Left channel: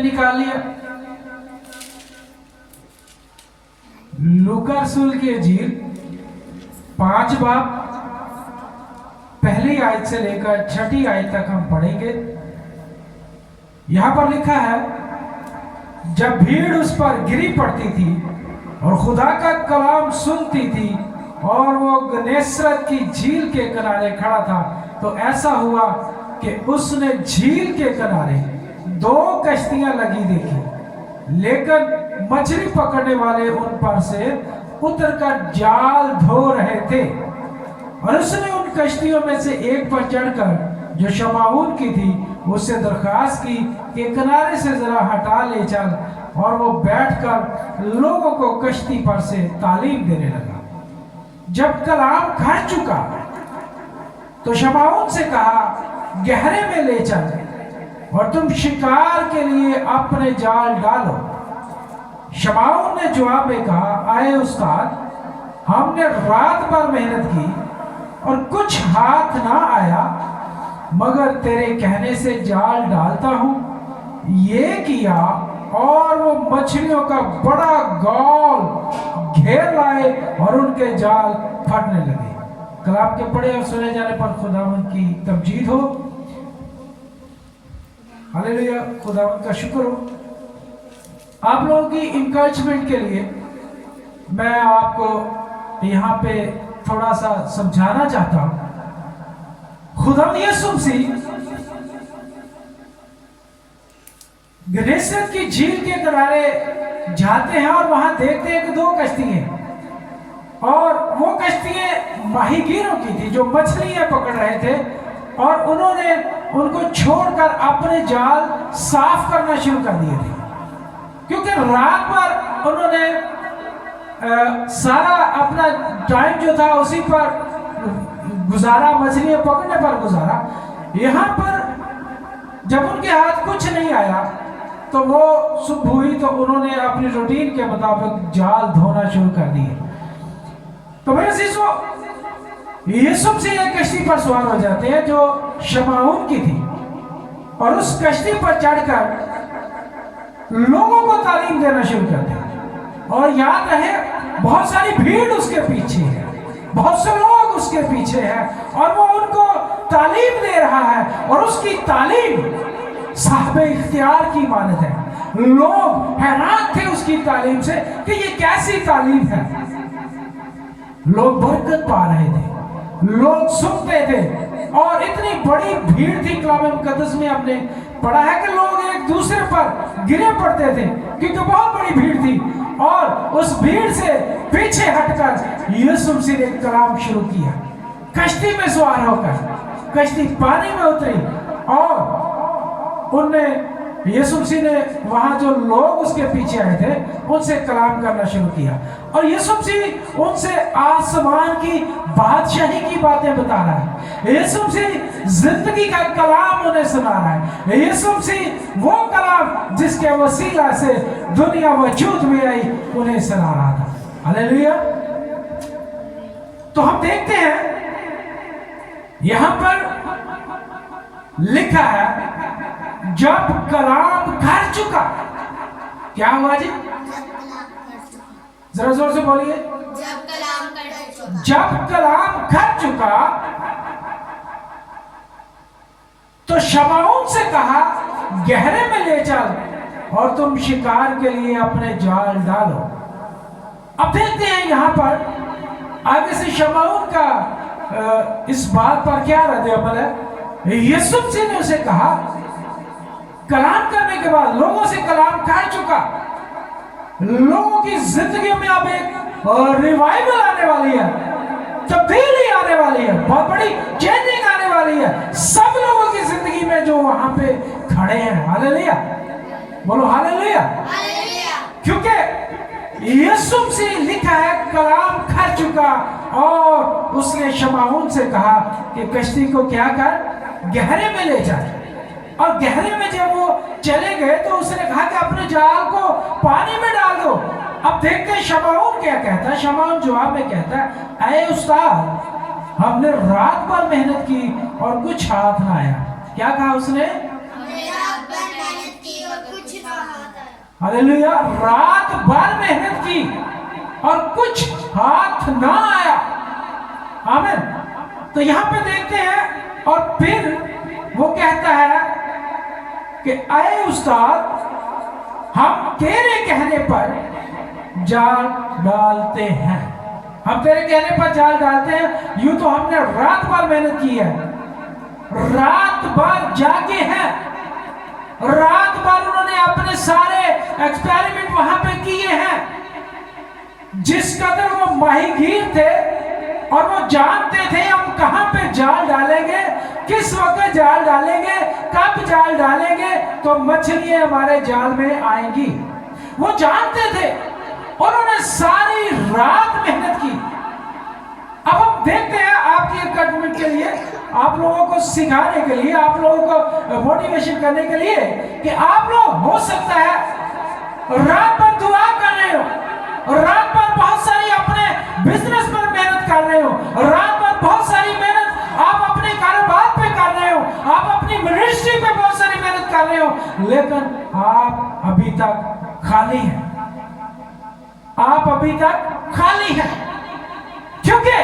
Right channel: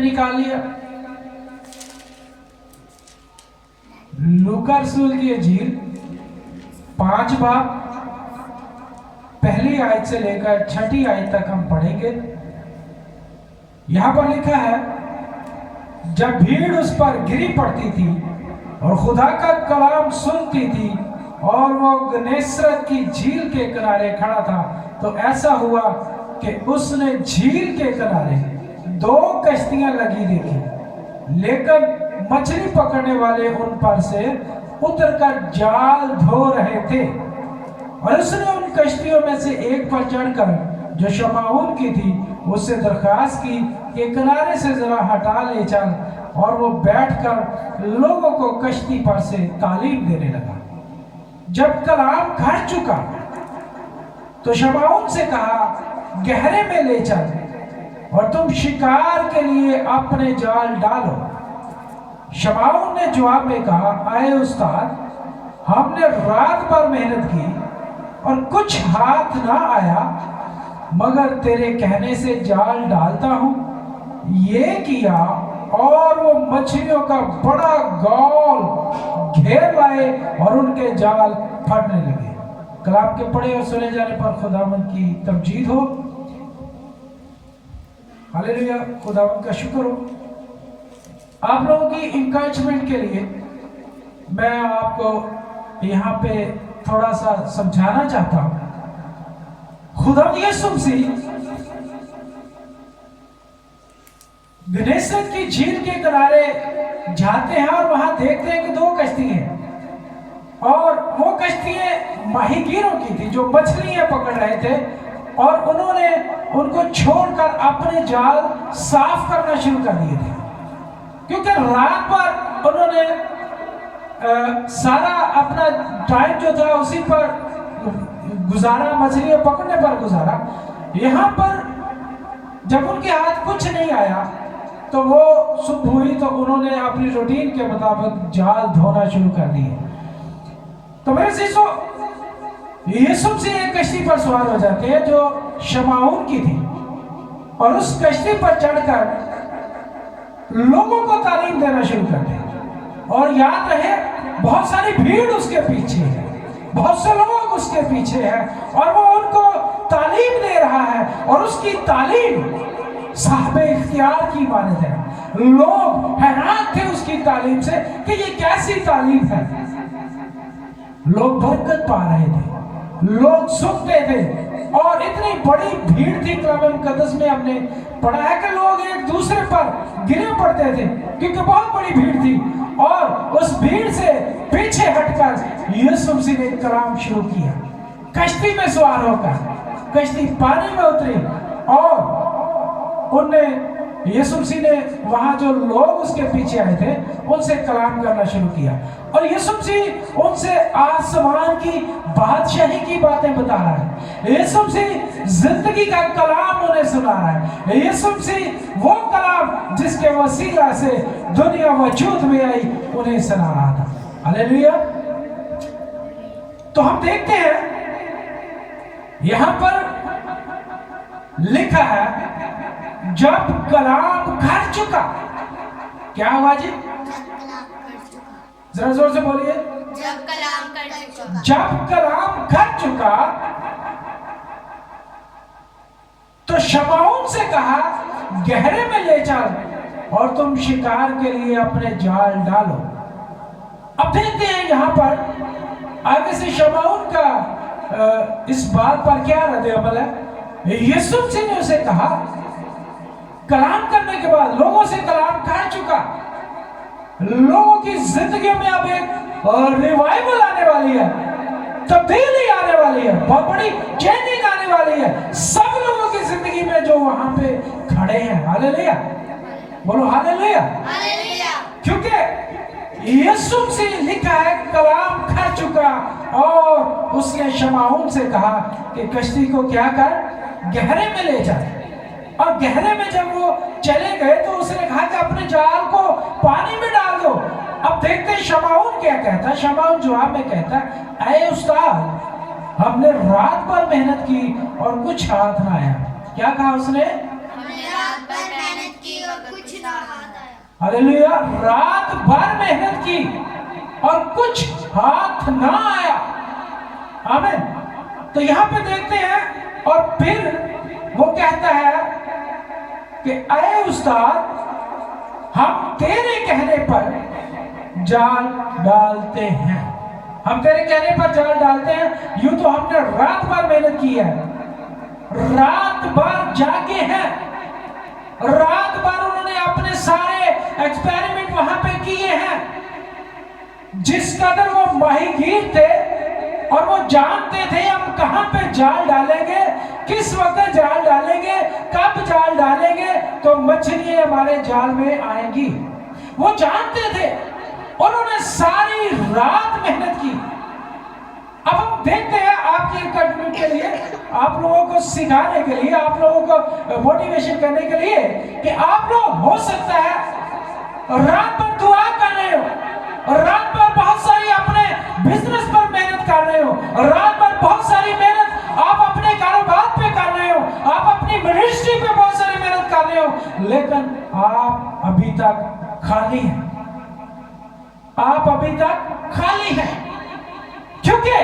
निकाल लिया। लूका रसूल की इंजील 5 बाब पहली आयत से लेकर 6ठी आयत तक हम पढ़ेंगे। यहां पर लिखा है, जब भीड़ उस पर गिरी पड़ती थी और खुदा का कलाम सुनती थी और वो गन्नेसरत की झील के किनारे खड़ा था, तो ऐसा हुआ कि उसने झील के किनारे 2 कश्तियां लगी देखी, लेकिन मछली पकड़ने वाले उन पर से उतरकर जाल धो रहे थे। और उसने उन कश्तियों में से एक पर चढ़कर, जो शमाऊन की थी, उससे दरखास्त की कि किनारे से जरा हटा ले चल। और वो बैठकर लोगों को कश्ती पर से तालीम देने लगा। जब कलाम घर चुका तो शमाऊन से कहा, गहरे में ले चल और तुम शिकार के लिए अपने जाल डालो। शमाऊन ने जवाब में कहा, आए उस्ताद, हमने रात भर मेहनत की और कुछ हाथ ना आया, मगर तेरे कहने से जाल डालता हूं। ये किया और वो मछलियों का बड़ा गौल घेर लाए और उनके जाल फटने लगे। कलाम के पढ़े और सुने जाने पर खुदावंद की तमजीद हो। हालेलुया, खुदावंद का शुक्र हो। आप लोगों की इंकरेजमेंट के लिए मैं आपको यहाँ पे थोड़ा सा समझाना चाहता हूं। खुदावंद यीशु मसीह गन्नेसरत की झील के किनारे जाते हैं और वहां देखते हैं कि 2 कश्ती हैं, और वो कश्तियां माहीगीरों की थी जो मछलियां पकड़ रहे थे, और उन्होंने उनको छोड़कर अपने जाल साफ करना शुरू कर दिए थे, क्योंकि रात भर उन्होंने सारा अपना टाइम जो था उसी पर गुजारा, मछलियां पकड़ने पर गुजारा। यहां पर जब उनके हाथ कुछ नहीं आया तो वो सुबह हुई तो उन्होंने अपनी रूटीन के मुताबिक जाल धोना शुरू कर दिए। तो मेरे शिष्यों, यीशु मसीह एक कश्ती पर सवार हो जाते हैं जो शमाऊन की थी, और उस कश्ती पर चढ़कर लोगों को तालीम देना शुरू करते हैं। और याद रहे, बहुत सारी भीड़ उसके पीछे है, बहुत से लोग उसके पीछे हैं, और वो उनको तालीम दे रहा है, और उसकी तालीम साहिब इख्तियार की मानद है। लोग हैरान थे उसकी तालीम से कि ये कैसी तालीम है। लोग बरकत पा रहे थे, लोग सुनते थे, और इतनी बड़ी भीड़ थी। कलाम मुकद्दस में हमने पढ़ा है कि लोग एक दूसरे पर गिरे पड़ते थे, क्योंकि बहुत बड़ी भीड़ थी। और उस भीड़ से पीछे हटकर यीशु मसीह ने कलाम शुरू किया। कश्ती में सवार होकर कश्ती पानी में उतरी, और उनने यीशु मसीह ने वहां जो लोग उसके पीछे आए थे उनसे कलाम करना शुरू किया। और यीशु मसीह उनसे आसमान की बादशाही की बातें बता रहा है। यीशु मसीह जिंदगी का कलाम उन्हें सुना रहा है। यीशु मसीह वो कलाम जिसके वसीला से दुनिया वजूद में आई उन्हें सुना रहा था। हालेलुया। तो हम देखते हैं यहां पर लिखा है, जब कलाम घर चुका। क्या हुआ जी? जरा जोर से बोलिए। जब कलाम घर चुका तो शमाऊन से कहा, गहरे में ले चल और तुम शिकार के लिए अपने जाल डालो। अब देखते हैं यहां पर आगे से शमाऊन का इस बात पर क्या रद्द अमल है। यीशु मसीह ने उसे कहा, कलाम करने के बाद लोगों से कलाम कर चुका, लोगों की जिंदगी में अब एक रिवाइवल आने वाली है, तब्दीली आने वाली है, बहुत बड़ी चेंजिंग आने वाली है सब लोगों की जिंदगी में जो वहां पे खड़े हैं। हालेलुया, बोलो हालेलुया। क्योंकि यीशु मसीह लिखा है कलाम कर चुका, और उसने शमाऊन से कहा कि कश्ती को क्या कर, गहरे में ले जाए। और गहरे में जब वो चले गए तो उसने कहा कि अपने जाल को पानी में डाल दो। अब देखते हैं शमाऊन क्या कहता है। शमाऊन जवाब में कहता है, ऐ उस्ताद, हमने रात भर मेहनत की और कुछ हाथ ना आया। क्या कहा उसने? हमने रात भर मेहनत की और कुछ ना हालेलुया। रात भर मेहनत की और कुछ हाथ ना आया। आमीन। तो यहां पे देखते हैं और फिर वो कहता है कि अये उस्ताद, हम तेरे कहने पर जाल डालते हैं। हम तेरे कहने पर जाल डालते हैं। यूं तो हमने रात भर मेहनत की है, रात भर जागे हैं, रात भर उन्होंने अपने सारे एक्सपेरिमेंट वहां पे किए हैं। जिस कदर वो माहीगीर थे और वो जानते थे हम कहां पे जाल डालेंगे, किस वक्त जाल डालेंगे, कब जाल डालेंगे तो मछलियां हमारे जाल में आएंगी, वो जानते थे। उन्होंने सारी रात मेहनत की। अब हम देखते हैं आपकी एकेडमी के लिए, आप लोगों को सिखाने के लिए, आप लोगों को मोटिवेशन करने के लिए कि आप लोग हो सकता है रात भर दुआ कर रहे हो, रात भर बहुत सारी अपने बिजनेस पर मेहनत कर रहे हो, रात भर बहुत सारी मेहनत आप अपने कारोबार पे कर रहे हो, आप अपनी मिनिस्ट्री पे बहुत सारी मेहनत कर रहे हो, लेकिन आप अभी तक खाली हैं। आप अभी तक खाली हैं क्योंकि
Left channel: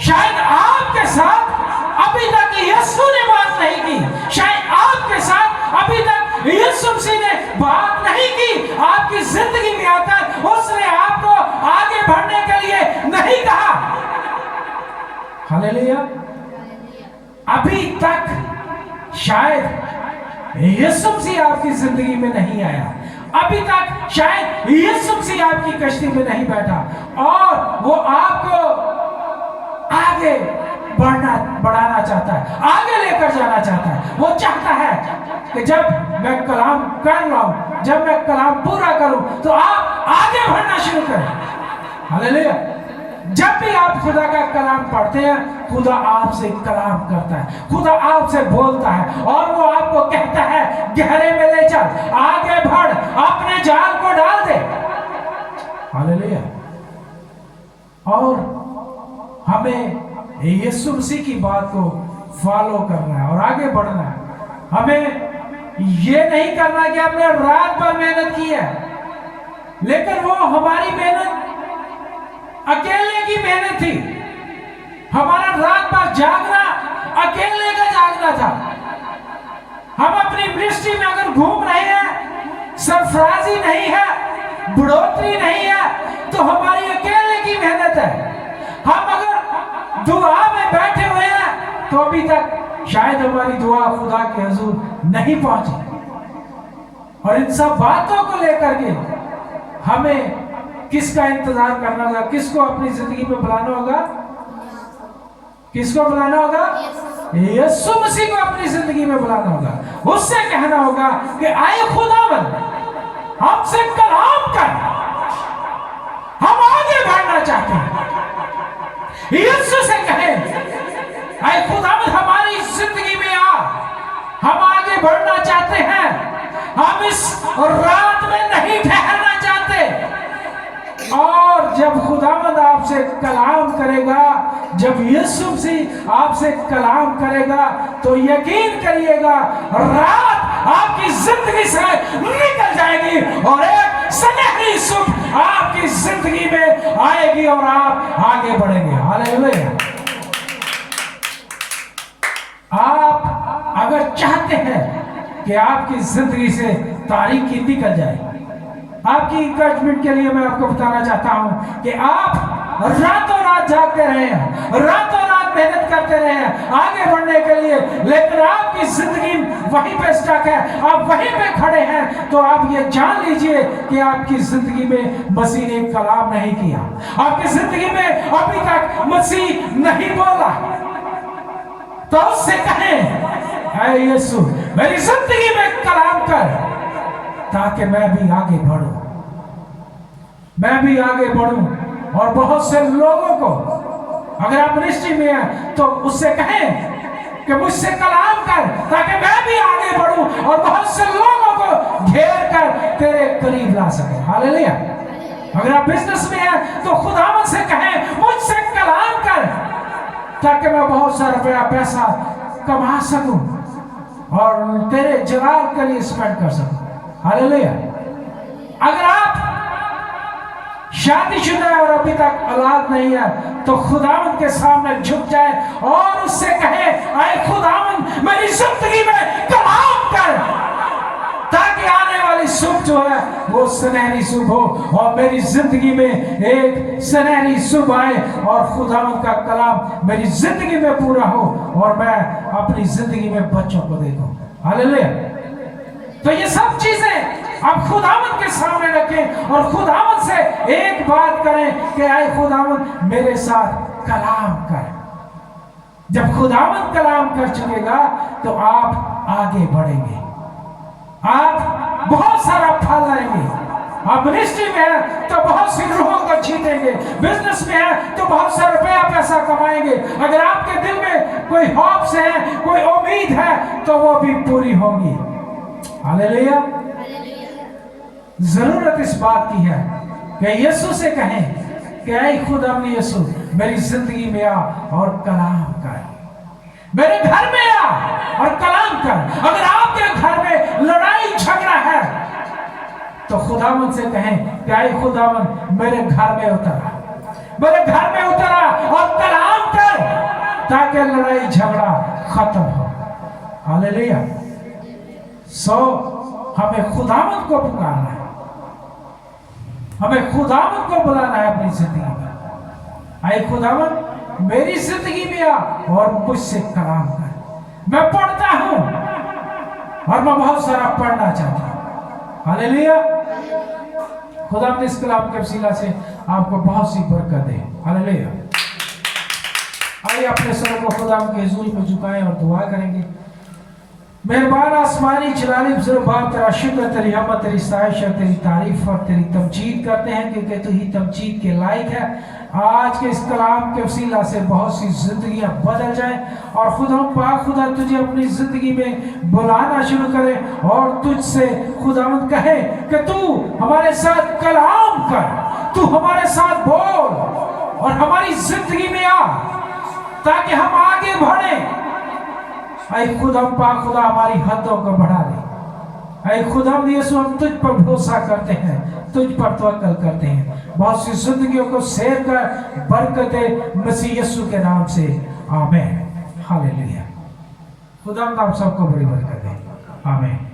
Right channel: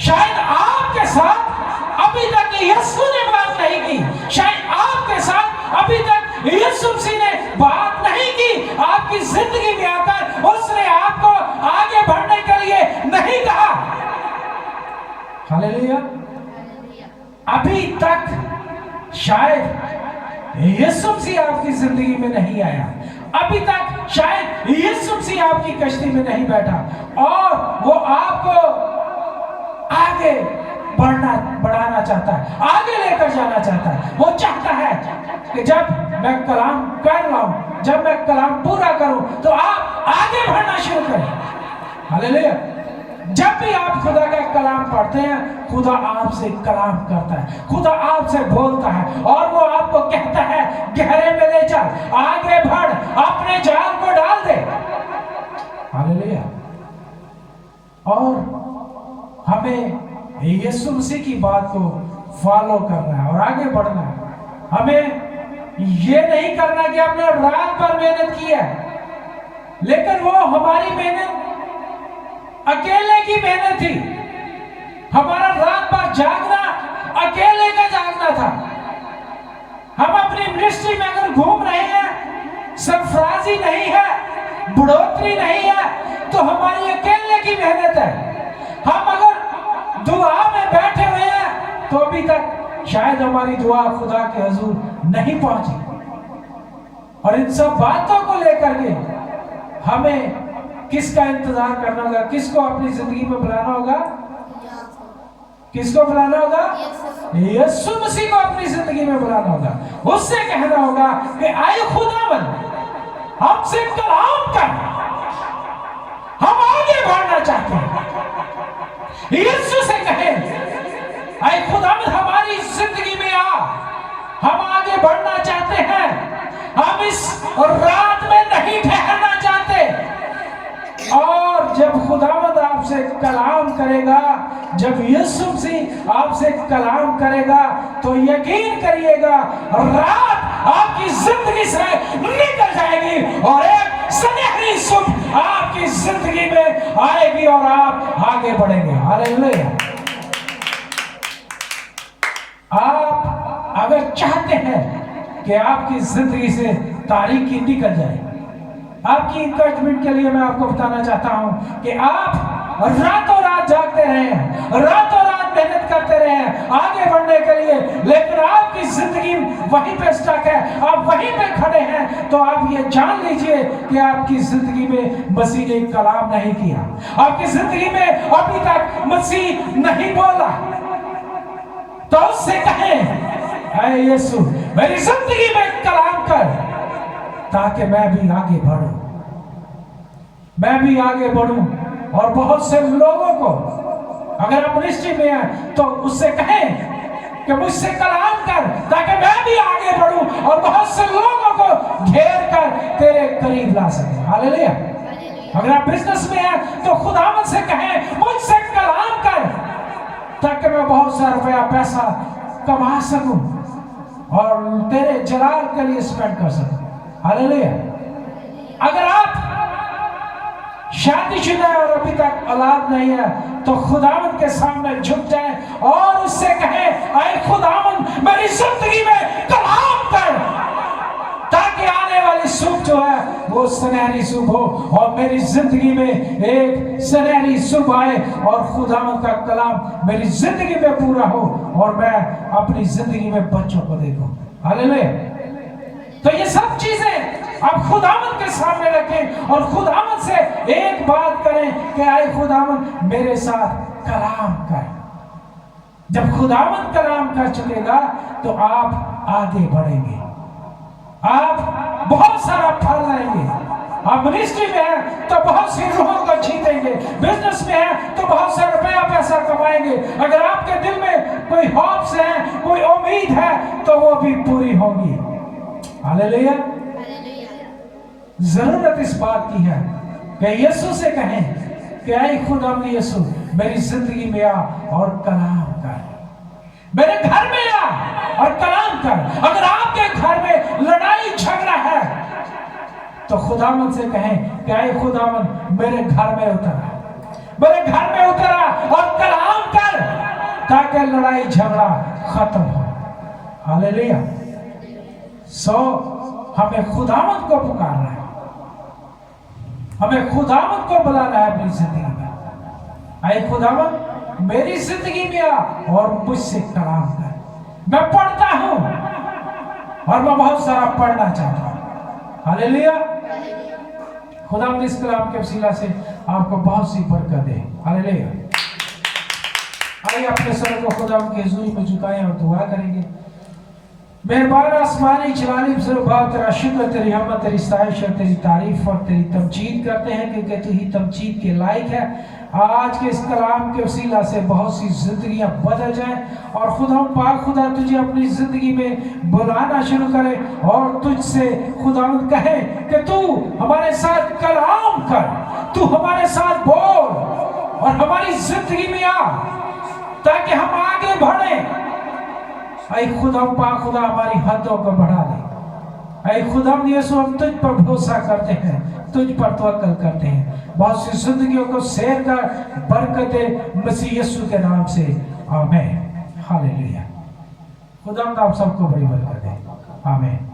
शायद आपके साथ अभी तक यीशु ने बात नहीं की, शायद आपके साथ अभी तक यीशु मसीह ने बात नहीं की। आपकी जिंदगी में आकर उसने आपको आगे बढ़ने के लिए नहीं कहा। हालेलुया। अभी तक शायद यीशु मसीह आपकी जिंदगी में नहीं आया, अभी तक शायद यीशु मसीह आपकी कश्ती में नहीं बैठा और वो आपको आगे बढ़ाना चाहता है, आगे लेकर जाना चाहता है। वो चाहता है कि जब मैं कलाम कर रहा हूं, जब मैं कलाम पूरा करूं तो आप आगे बढ़ना शुरू करें। हालेलुया। जब भी आप खुदा का कलाम पढ़ते हैं, खुदा आपसे कलाम करता है, खुदा आपसे बोलता है और वो आपको कहता है गहरे में ले चल, आगे बढ़, अपने जाल को डाल दे। हालेलुया। और हमें यीशु मसीह की बात को फॉलो करना है और आगे बढ़ना है। हमें ये नहीं करना कि हमने रात भर मेहनत की है, लेकिन वो हमारी मेहनत अकेले की मेहनत थी। हमारा रात भर जागना अकेले का जागना था। हम अपनी मिनिस्ट्री में अगर घूम रहे हैं, सरफराजी नहीं है, बढ़ोतरी नहीं है, तो हमारी अकेले की मेहनत है। हम अगर दुआ में बैठे हुए हैं तो अभी तक शायद हमारी दुआ खुदा के हुजूर नहीं पहुंची। और इन सब बातों को लेकर के हमें किसका इंतजार करना होगा, किसको अपनी जिंदगी में बुलाना होगा, किसको बुलाना होगा? यीशु मसीह को अपनी जिंदगी में बुलाना होगा। उससे कहना होगा कि आए खुदावन, हमसे कलाम कर, हम आगे बढ़ना चाहते हैं। यीशु से कहें आए खुदावन, हमारी जिंदगी में आ, हम आगे बढ़ना चाहते हैं, हम इस रात में नहीं ठहरना चाहते। और जब खुदावंद आपसे कलाम करेगा, जब यीशु मसीह आपसे कलाम करेगा, तो यकीन करिएगा रात आपकी जिंदगी से निकल जाएगी और एक सुनहरी सुबह आपकी जिंदगी में आएगी और आप आगे बढ़ेंगे। हालेलुया। आप अगर चाहते हैं कि आपकी जिंदगी से तारीकी निकल जाए, आपकी इंकरेजमेंट के लिए मैं आपको बताना चाहता हूं कि आप रातों रात जागते रहे हैं, रातों रात मेहनत करते रहे हैं आगे बढ़ने के लिए, लेकिन आपकी जिंदगी वहीं पे स्टक है, आप वहीं पे खड़े हैं, तो आप ये जान लीजिए कि आपकी जिंदगी में मसीह ने कलाम नहीं किया, आपकी जिंदगी में अभी तक मसीह नहीं बोला। तो उससे कहें, ऐ यीशु, मेरी जिंदगी में कलाम कर, ताकि मैं भी आगे बढ़ूं, मैं भी आगे बढ़ूं। और बहुत से लोगों को, अगर आप मिनिस्ट्री में हैं तो उससे कहें कि मुझसे कलाम कर, ताकि मैं भी आगे बढ़ूं और बहुत से लोगों को घेर कर तेरे करीब ला सके। हालेलुया। अगर आप बिजनेस में हैं तो खुदावंद से कहें, मुझसे कलाम कर, ताकि मैं बहुत सा रुपया पैसा कमा सकूं और तेरे जलाल के लिए स्पेंड कर सकूं। हालेलुया। अगर आप शादीशुदा है और अभी तक औलाद नहीं है तो खुदावंद के सामने झुक जाए और उससे कहे, ऐ खुदावंद मेरी जिंदगी में कलाम कर, ताकि आने वाली सुबह जो है वो सुनहरी सुबह हो और मेरी जिंदगी में एक सुनहरी सुबह आए और खुदावंद का कलाम मेरी जिंदगी में पूरा हो और मैं अपनी जिंदगी में बच्चों को देखूं। हालेलुया। तो ये सब चीजें आप खुदावंद के सामने रखें और खुदावंद से एक बात करें कि आए खुदावंद मेरे साथ कलाम कर। जब खुदावंद कलाम कर चुकेगा तो आप आगे बढ़ेंगे, आप बहुत सारा फल लाएंगे। आप मिनिस्ट्री में हैं तो बहुत सी रूहों को जीतेंगे, बिजनेस में हैं तो बहुत सारा रुपया पैसा कमाएंगे। अगर आपके दिल में कोई हॉप्स है, कोई उम्मीद है तो वो भी पूरी होगी। हालेलुया। जरूरत इस बात की है कि यीशु से कहें कि ऐ खुदावंद यीशु मेरी जिंदगी में आ और कलाम कर, मेरे घर में आ और कलाम कर। अगर आपके घर में लड़ाई झगड़ा है तो खुदावंद से कहें कि ऐ खुदावंद मेरे घर में उतरा, मेरे घर में उतरा और कलाम कर, ताकि लड़ाई झगड़ा खत्म हो। हालेलुया। हमें खुदावंद को पुकारना है, हमें खुदावंद को बुलाना है अपनी जिंदगी में। ऐ खुदावंद मेरी जिंदगी में आ और मुझसे कलाम कर। मैं पढ़ता हूं और मैं बहुत सारा पढ़ना चाहता हूं। हालेलुया। खुदावंद इस कलाम के वसीला से आपको बहुत सी बरकत दे। हालेलुया। आइए अपने सर को खुदावंद की हुजूरी में झुकाएं और दुआ करेंगे। मेहरबान आसमानी जलाली बाप, तेरा शुक्र, तेरी रहमत, तेरी साइश और तेरी तारीफ और तेरी तमजीद करते हैं क्योंकि तू ही तमजीद के लायक है। आज के इस कलाम के वसीला से बहुत सी जिंदगियां बदल जाएं और खुदा पाक खुदा तुझे अपनी जिंदगी में बुलाना शुरू करे और तुझसे खुदावंद कहे कि तू हमारे साथ कलाम कर, तू हमारे साथ बोल और हमारी जिंदगी में आ ताकि हम आगे बढ़े। ऐ खुदा पाक खुदा हमारी हदों को बढ़ा दे। ऐ खुदा यीशु हम तुझ पर भरोसा करते हैं, तुझ पर तवक्कल करते हैं। बहुत सी जिंदगियों को सेव कर, बरकत दे मसीह यीशु के नाम से, आमीन। हालेलुया। खुदा आप सबको बड़ी बरकत दे। आमीन।